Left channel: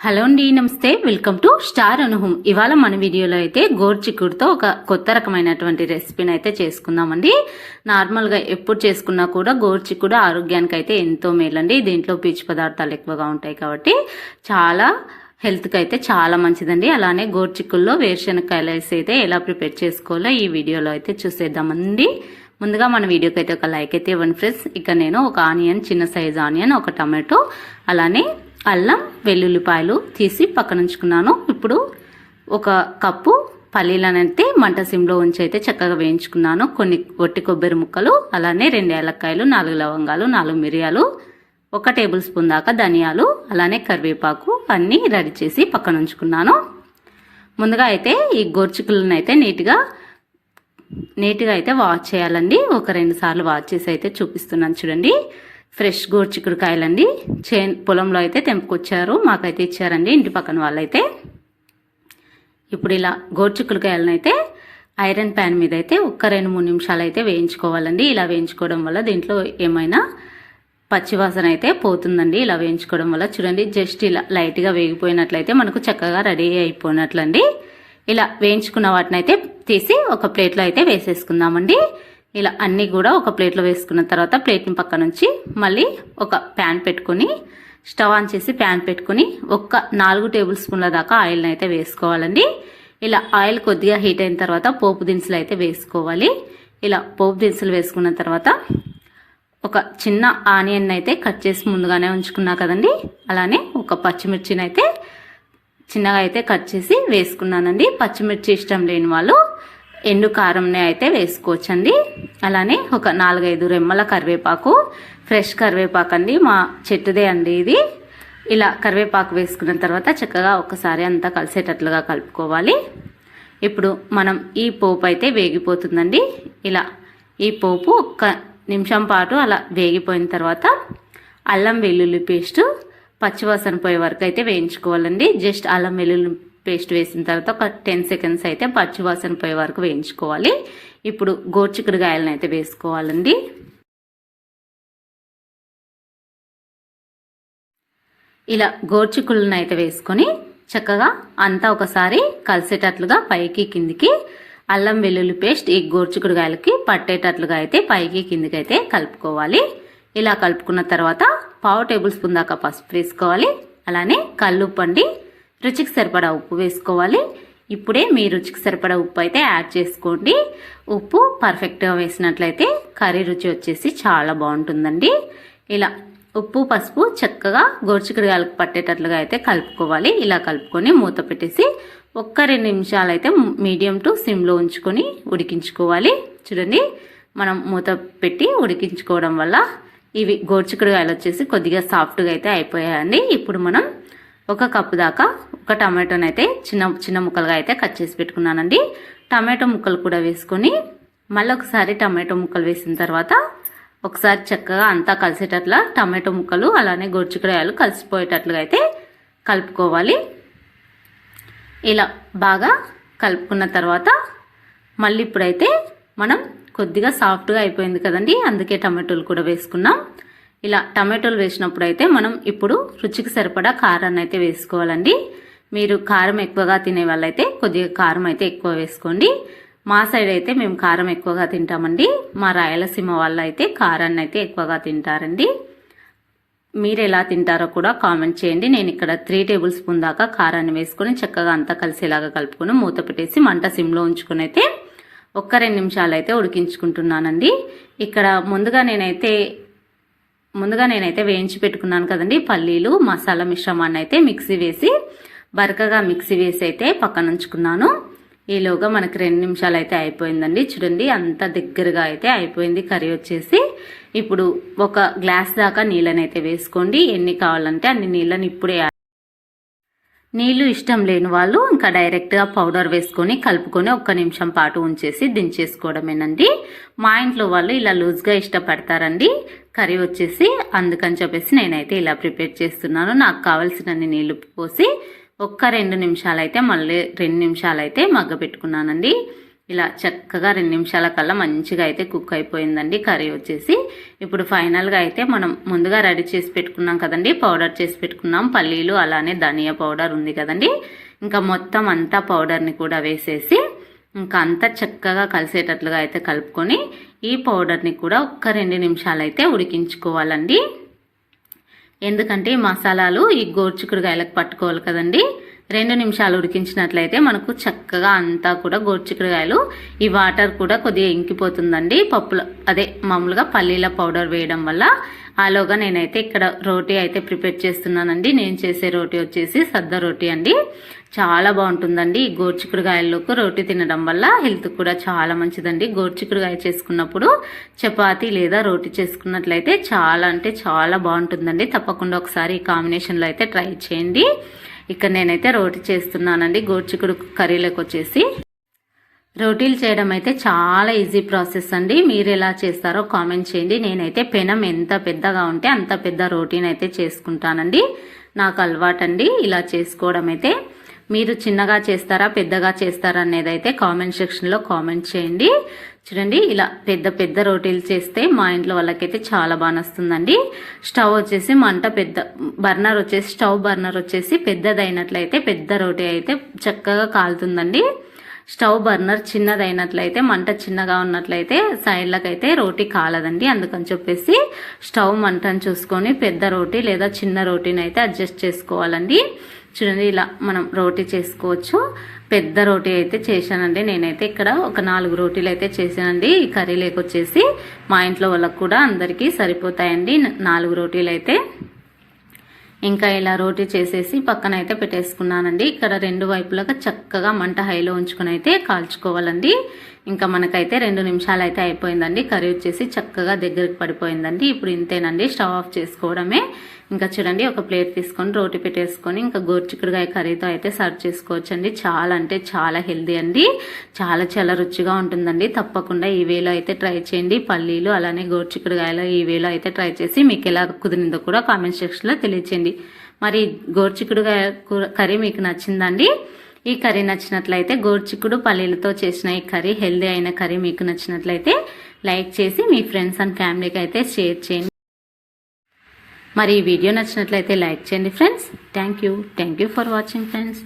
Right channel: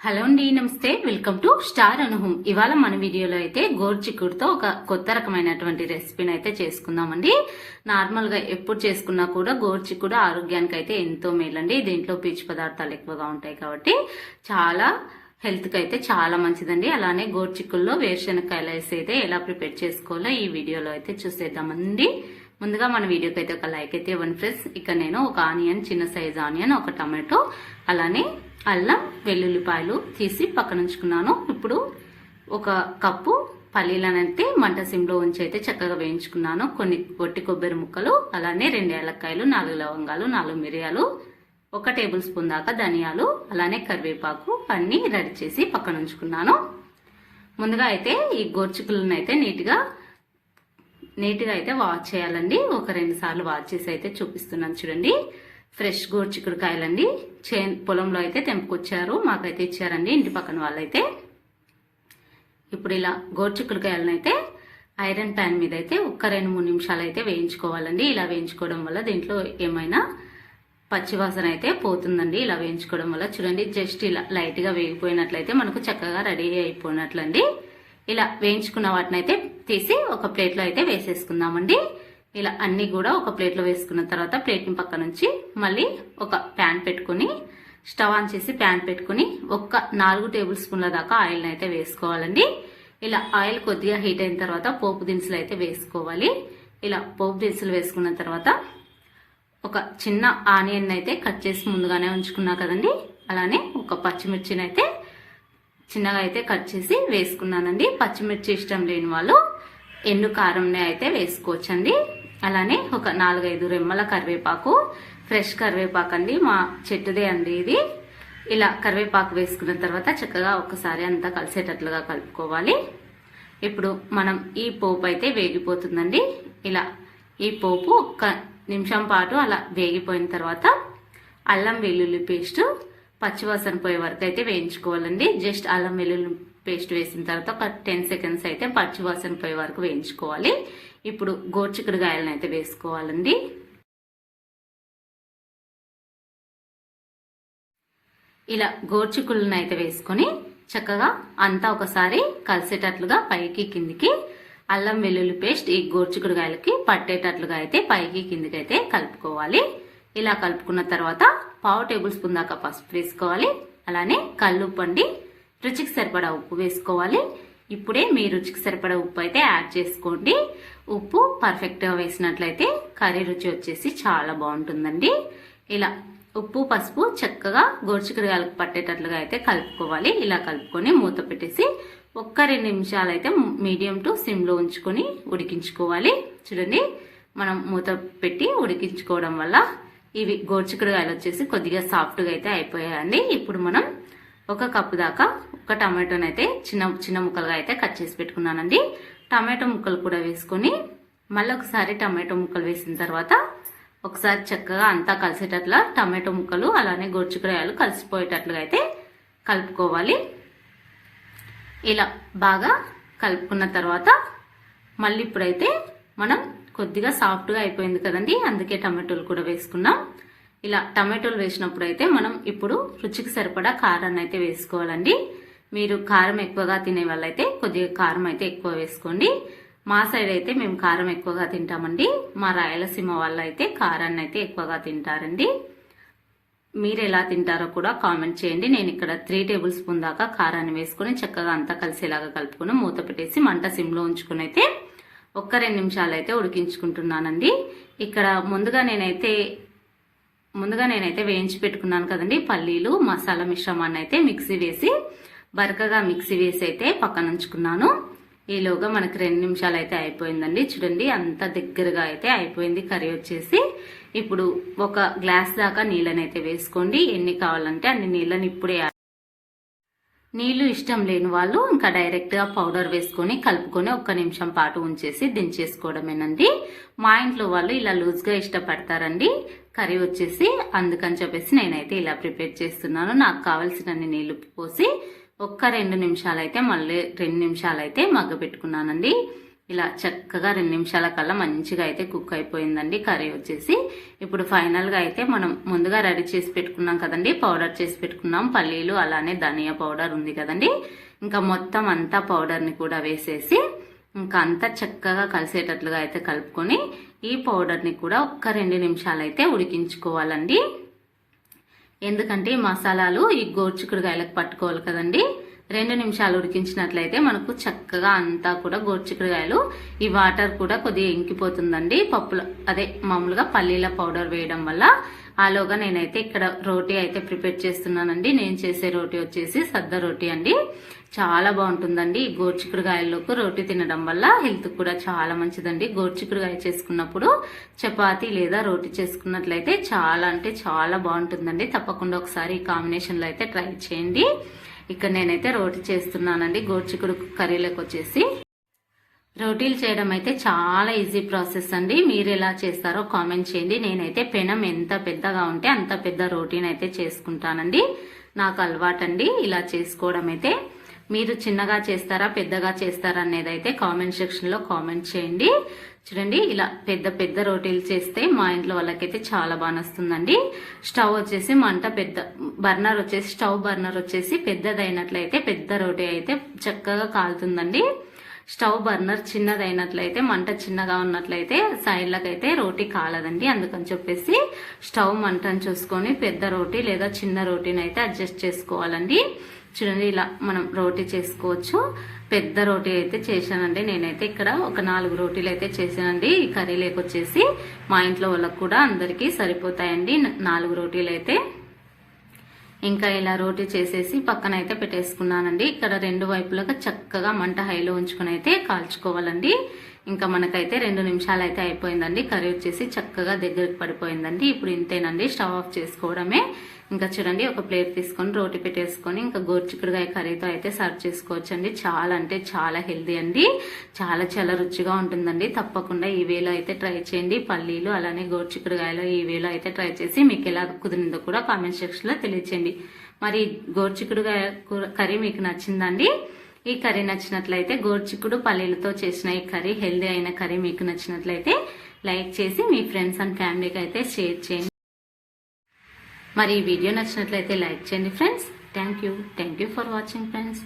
Hello అండి నమస్తే. Welcome to star అనుహం ఇవాళ మన వీడియోలో అయితే గోర్చిక్కుడుతో ఒక కొత్త రకమైనటువంటి రెసిపీని అయితే చేసుకుందామండి. నార్మల్గా ఎప్పుడు చేసుకున్నా కూడా గోర్చిక్కుడు ఆరోగ్యానికి అయితే ఎంతో మేలండి. దీంట్లో పీచు పదార్థాలు ఎక్కువగా ఉంటాయి కాబట్టి చాలా హెల్త్కి అయితే చాలా మంచిదండి. అలానే గోర్చిక్కుల్లో వేరుశనగకాయలు వేసి అయితే ఎలా ప్రిపేర్ చేసుకోవాలో ఈ వీడియోలో అయితే చూసేద్దామండి. ముందుగా మన వీడియోకి అయితే ఒక లైక్ అయితే ఇవ్వండి ఫ్రెండ్స్. ఇక నేను ఒక ఆనియన్ చిన్న సైజ్ ఆనియన్ ఒక టమాటో అలానే అల్లం వెల్లుల్లిపాయలు తీసి పక్కన ఉంచుకున్నాను ఇప్పుడు ఒక కప్పు పల్లీలనైతే మంట సిమ్లో ఉంచి అయితే చక్కగా వేయించుకున్నాను. కొన్ని గొట్టి కొబ్బరి ముక్కలు అలానే రెండు ఏలక్కాయలు నాలుగు లవంగాలు నాలుగు మిరియాలు ఒక టేబుల్ స్పూన్ దాకా ధనియాలు అలానే కరివేపాకు అన్నీ రెడీ చేసి పక్కన ఉంచుకున్నాను ముందుగా అయితే ఈ గోర్చికులను అయితే నీట్గా నీట్గా అయితే వాష్ చేయాలండి. ఒక రెండు సార్లు వాష్ చేసి అయితే చూపిస్తున్నాను చూడండి. ఫ్రెష్ గోర్చికుడుకాయలండి చే పొలంలో అయితే తెంపుకొచ్చారు. మాకైతే ఇచ్చారండి ఇంటి పక్కన వాళ్ళైతే. ఇప్పుడు ఇలా గోర్చికుడుకాయలను అయితే ఐరన్ ప్యాన్ మీద అయితే ఒక్క రెండు మూడు నిమిషాలు అయితే వేయించుకోవాలండి. ఇలా వేయించుకోవడం వల్ల దీంట్లో ఏమైనా పచ్చివాసన అయితే పోతుందండి. ఇలా వేయించుకోవడం వల్ల చూడండి జస్ట్ ఇలా లైట్గా వేగిపోయినట్లయితే మనకు చక్కగా రెడీ అయిపోయినట్లండి. ఇలా వేయించుకున్న వాటిని అయితే తీసి ఒక ప్లేట్లో అయితే వేసేసుకుందామండి. ఇలా అన్నీ కూడా ఒక ప్లేట్లో వేసుకున్న తర్వాత ప్లేట్ని పక్క నుంచి మళ్ళీ ఒక ప్యాన్ పెట్టుకొని స్టవ్ ఆన్ చేసి ప్యాన్ పెట్టుకుని ఒక్క నాలుగు టేబుల్ స్పూన్ల దాకా ఆయిల్ని అయితే వేసుకోవాలండి. ఇలా ఆయిల్ కొద్దిగా హీట్ అయిన తర్వాత పోపు దినుసులు అయితే వేసుకోవాలి. ఇలా పోపు దినుసులు వేసుకున్న తర్వాత ఒక చిన్న ఆనియన్ అయితే కట్ చేసి ముందుగానే ఉంచుకున్నా కదండి. అలానే ఒక పచ్చిమిర్చిని అయితే చిన్నగా అయితే కట్ చేసి వేసుకున్నానండి. పచ్చిమిర్చి ఇష్టం లేని వాళ్ళు ఎండు కారంని అయితే వేసుకోవచ్చండి. అలానే ఒక నాలుగైదు రెమ్మల కరివేపాకు ఫ్రెష్ కరివేపాకు అండి మా చెట్టుదే అండి ఇది. ఇలా కరివేపాకు వేసుకున్న తర్వాత చక్కగా ఒకసారి అంతా కలిసేటట్లుగా కలుపుకోవాలి. ఇప్పుడు మనం ఈ పోపు అయితే వేగిపోతుందండి. ఇలా ఈ పోపు ఒక్క నిమిషం పాటు అలా వేగిపోయిన తర్వాత అల్లం వెల్లుల్లి పేస్ట్ పచ్చివాసన పోయే వరకు అయితే వేయించుకోవాలండి. జస్ట్ అల్లం వెల్లుల్లి పేస్ట్ వేసిన తర్వాత ఒక టెన్ సెకండ్స్ అయితే పచ్చివాసన పోయే వరకు వేయించుకోవాలి. ఇప్పుడు గోర్చికుడుగాయలను అయితే వేసుకోవాలండి. ఇలా గోర్చికులను అయితే వేసుకొని చక్కగా అంతా ఒకసారి కలిసేటట్లుగా పైకి కిందికి అల్లం వెల్లుల్లి పేస్ట్ ఈ గోర్చికుడుగాయలకి పట్టేటట్లుగా అయితే పైకి కిందికి అయితే కలుపుకోవాలి. ఇలా కలుపుకున్న తర్వాత పావు టేబుల్ స్పూన్ దాకా పసుపు వేసుకోవాలి. అలానే కల్లుప్పండి రుచికి సరిపడా ఉప్పు వేసుకోవాలి. ఇప్పుడే మీ రుచికి సరిపడా ఉప్పు అయితే యాడ్ చేసుకోండి. ఉప్పు పర్ఫెక్ట్గా వేసినట్లయితే కర్రీ రుచి వచ్చేసి చాలా బాగుంటుందండి. ఇలా ఉప్పు పసుపు చక్కగా గోర్చికడియాలకు పట్టేటట్లుగా అయితే కలుపుకోవాలి. ఇలా కలుపుకొని మూత పెట్టేసి ఒక్క రెండు నిమిషాలు అయితే మీడియం టు సిమ్లో ఉంచుకొని ఉడికించుకోవాలి. చూడండి మనం మూత పెట్టి ఉడికించుకోవడం వల్ల ఇవి గోరుచికడిగాయలు వచ్చేసి కొద్దిగా సాఫ్ట్గా అయితే అయిపోయాయండి. ఇప్పుడు మనం ఒక కప్పు దాకా ఒక టమాటోని అయితే చిన్న చిన్న ముక్కలుగా అయితే కట్ చేసి పెట్టుకున్నానండి. టమాటో ముక్కలు కూడా వేసుకొని మళ్ళీ ఒకసారి టమాటో ముక్కలు వేసిన తర్వాత ఒకసారి చక్కగా అంతా కలిసేటట్లా టమాటో ముక్కలు అలానే గొడుచుకురాయలు కలిసిపోయేటట్లుగా అయితే కలుపుకోవాలి. ఇలా బాగా కలుపుకున్న తర్వాత మళ్ళీ ఇప్పుడైతే మనం కొద్దిగా సాఫ్ట్గా అయిపోయింది కదండి అందుకే టమాటోలు కూడా వేసుకున్నాం. ఇలా టమాటోలు వేసినప్పుడు అయితే మనం ఇప్పుడు రుచికి సరిపడా కారాన్ని అయితే వేసుకోవాలండి. మీరు కారం ఎక్కువగా తినే వాళ్ళైతే కొద్దిగా కారం అయితే ఎక్కువ వేసుకోండి. మా సైడ్ అయితే మేము కారం ఎక్కువగా తింటామండి. మా రాయలసీమ వాళ్ళు అయితే కారాన్ని అయితే ఎక్కువగా తింటారండి. మీరు ఎలా తింటారో కూడా కామెంట్ చేయండి. నేను ఇక్కడ త్రీ టేబుల్ స్పూన్ దాకా కారాన్ని వేసుకొని చక్కగా అంతా కలిసేలాగా కలుపుకొని మూత పెట్టేసి మంట సిమ్లో ఉంచుకుని అయితే ఒక్క రెండు నిమిషాలు అయితే ఉడికించుకుంటున్నానండి. ఇక్కడ ముందుగా నేనైతే ముందుగా నేనైతే వేయించి పెట్టుకున్నాను కదండి పల్లీలు మసాలా మిశ్రమాన్ని అయితే మిక్సీ వేసి బరకగా మిక్సీ వేసి అయితే పక్కన ఉంచుకున్నాను ఈలోగా మనకి రెండు నిమిషాలు అయితే అయిపోయిందండి. చూడండి అంత దగ్గరగా అయితే అయిపోయింది కర్రీ వచ్చేసి. ఇప్పుడు ఒక గ్లాస్ దాకా నీళ్ళని అయితే వేసుకోండి. ఎన్ని కావాలంటే అన్ని నీళ్ళని ఇప్పుడే నీళ్ళు ఇష్టం లేని వాళ్ళు ఇంకా డైరెక్ట్గా పౌడర్ వేసుకొని కలుపుకొని ఒక్క నిమిషం పాటు ఉంచేసి దించేసుకోవడమేనండి. మా ఇంట్లో వాళ్ళు ఇలా లూజ్గా ఇష్టపడతారండి. కర్రీ వచ్చేసి అందుకని చెప్పేసి నేనైతే ఇలా ప్రిపేర్ చేస్తున్నాను. నాకు కావలసినన్ని నీళ్ళు పోసి ఒక్క రెండు నిమిషాలు అయితే మళ్ళీ రెండు నిమిషాలు అయితే మగ్గ పెట్టుకున్నానండి. ఇలా చక్కగా రెండు నిమిషాల కల్లా మంచిగా అయితే కుక్ అయిపోయిందండి కర్రీ వచ్చేసి. ఇప్పుడు ఫైనల్గా అయితే మనం ముందుగా రెడీ చేసి పెట్టుకున్నాం కదండి పౌడర్ చేసి పెట్టుకున్నాం. పల్లీలు అలానే ధనియా పౌడర్ ఉంది కదండి. ఇంకా మొత్తం అంతా పౌడర్ని కూడా వేసేసి ఇంకా అంతా చక్కగా కలిసేటట్లుగా అయితే కలుపుకొని ఈ పౌడర్ని కూడా ఒక్క రెండు నిమిషాలు అయితే ఉడికించుకోవాలండి. ఎందుకంటే మసాలాలు ఈ గోర్చికుడుగాయలకు పట్టుకోవాలి కదండి. రెండు నిమిషాలు ఉడికించినట్లయితే మనకు చక్కగా అంతా కూడా గోర్చికుడుగాయలు ఈ వాటర్ కూడా కొద్దిగా ఇంకిపోతుందండి. పప్పుల అదే మామూలుగా పల్లీల పౌడర్ వేయడం వల్ల ఆలోగా నేనైతే ఇక్కడ రోటీ అయితే ప్రిపేర్ చేస్తున్నానండి. నేను చేసే రోటీ వచ్చేసి సద్ద రోటీ అండి. చాలా బాగుంటుందండి ఈ గోర్చికుడుగాయల్లోకి రోటీ తినడం వల్ల. హెల్త్ కూడా చాలా మంచిదండి. గోర్చికుడుగాయ చేసుకున్నప్పుడు చపాతి లేదా రోటీ చేసుకున్నట్లయితే చాలా అంటే చాలా బాగుంటుందండి. తప్పకుండా ఒకసారి ఈ కాంబినేషన్లో అయితే ట్రై చేయండి. ఇక్కడ నేనైతే రోటీ చేస్తున్నానండి. గోర్చికుడు కర్రీలోకి వచ్చేసి. రోటీలు చేయడం అయితే చాలా ఈజీ ప్రాసెస్ అండి. మీరు ఎలా చేస్తారో కామెంట్ చేయండి. నేనైతే పెనం ఎంత పెద్దగా ఉంటే అంత పెద్ద రోటీని అయితే చేసుకుంటానండి. నాకు అలవాటండి ఇలా చేసుకోవడం అయితే. మీరు చిన్నగా చేస్తారా పెద్దగా చేస్తారా అనేది అయితే కామెంట్ సెక్షన్లో కామెంట్ చేయండి. చూడండి ఇలా పెద్ద పెద్ద రోటీలు చేస్తే మా ఇంట్లో వాళ్ళకైతే చాలా బాగా వస్తుందండి స్టవ్ వచ్చేసి మంట పెద్ద బర్నర్ వచ్చేసి స్టవ్ బర్నర్ వచ్చేసి పెద్దదైనట్లయితే పెద్ద రోటీ అయితే చక్కగా కాలుతుందండి. స్టవ్ బర్నర్ చిన్నదైనట్లయితే మంట చిన్నగా ఉన్నట్లయితే సైడ్లకైతే రోటీ కాలదండి. అందుకని చెప్పేసి స్టవ్ మంటను చూసుకొని పెద్ద రోటీ లేదా చిన్న రోటీని అయితే అడ్జస్ట్ చేసుకోవాలండి. చూడండి ఇలా మనం రోటీ చేసుకోవచ్చు. పెద్ద రోటీ అయితే చేశానండి. నేనైతే ఇక్కడ ఒక నాలుగు రోటీలు అయితే చేశానండి. ఈ కర్రీ లేకొచ్చేసి మా ఇంట్లో వాళ్ళకు కూడా అందరికీ సరిపోతాయండి నాలుగు రోటీలు అయితే. ఇంకా ఇలా రోటీ చేసేసి పక్కన అయితే పెట్టేసుకున్నానండి. ఇక్కడ రెండు వైపులాగా చక్కగా మంట హైలో ఉంచుకుని అయితే కాల్చుకోవాలండి. ఇంకా మనకైతే రెండు నిమిషాలు అయితే అయిపోయిందండి. కర్రీ వచ్చేసి చక్కగా దగ్గరికి పడిపోయిందండి. ఇప్పుడు ఇంతేనండి. స్టవ్ ఆఫ్ చేసుకోవడమే. ఇంకా చూడండి ఒక ప్లేట్ తీసుకొని రోటి పెట్టేసుకొని ఇంకా గోర్చిక్కుడుగాయ కర్రీతో అయితే సర్వ్ చేసుకోవచ్చు అండి చాలా అంటే చాలా హెల్దీ అండి. చాలా చాలా రుచిగా ఉంటుందండి. తప్పకుండా ఈ వేలో అయితే ట్రై చేయండి. పల్లీలు అలానే గోర్చిక్కుడుగాయలు ఈ వేలో అయితే ట్రై చేసి మీకు ఎలా కుదిరిందో కూడా కామెంట్ సెక్షన్లో తెలియచేయండి. మరి గోర్చిక్కుడుగాయ కర్రీ మీకు నచ్చిందండి? ఈ కర్రీ నచ్చినట్లయితే గోర్చిక్కుడు పల్లీలతో చేసిన ఈ కర్రీ హెల్దీ అయిన కర్రీ మీకు నచ్చినట్లయితే లైక్ చేసి మీ ఫ్రెండ్స్ అండ్ ఫ్యామిలీకి అయితే షేర్ చేయండి. మరి ఈ వీడియో నచ్చినట్లయితే లైక్ చేయండి friends. Thank you thank you for watching friends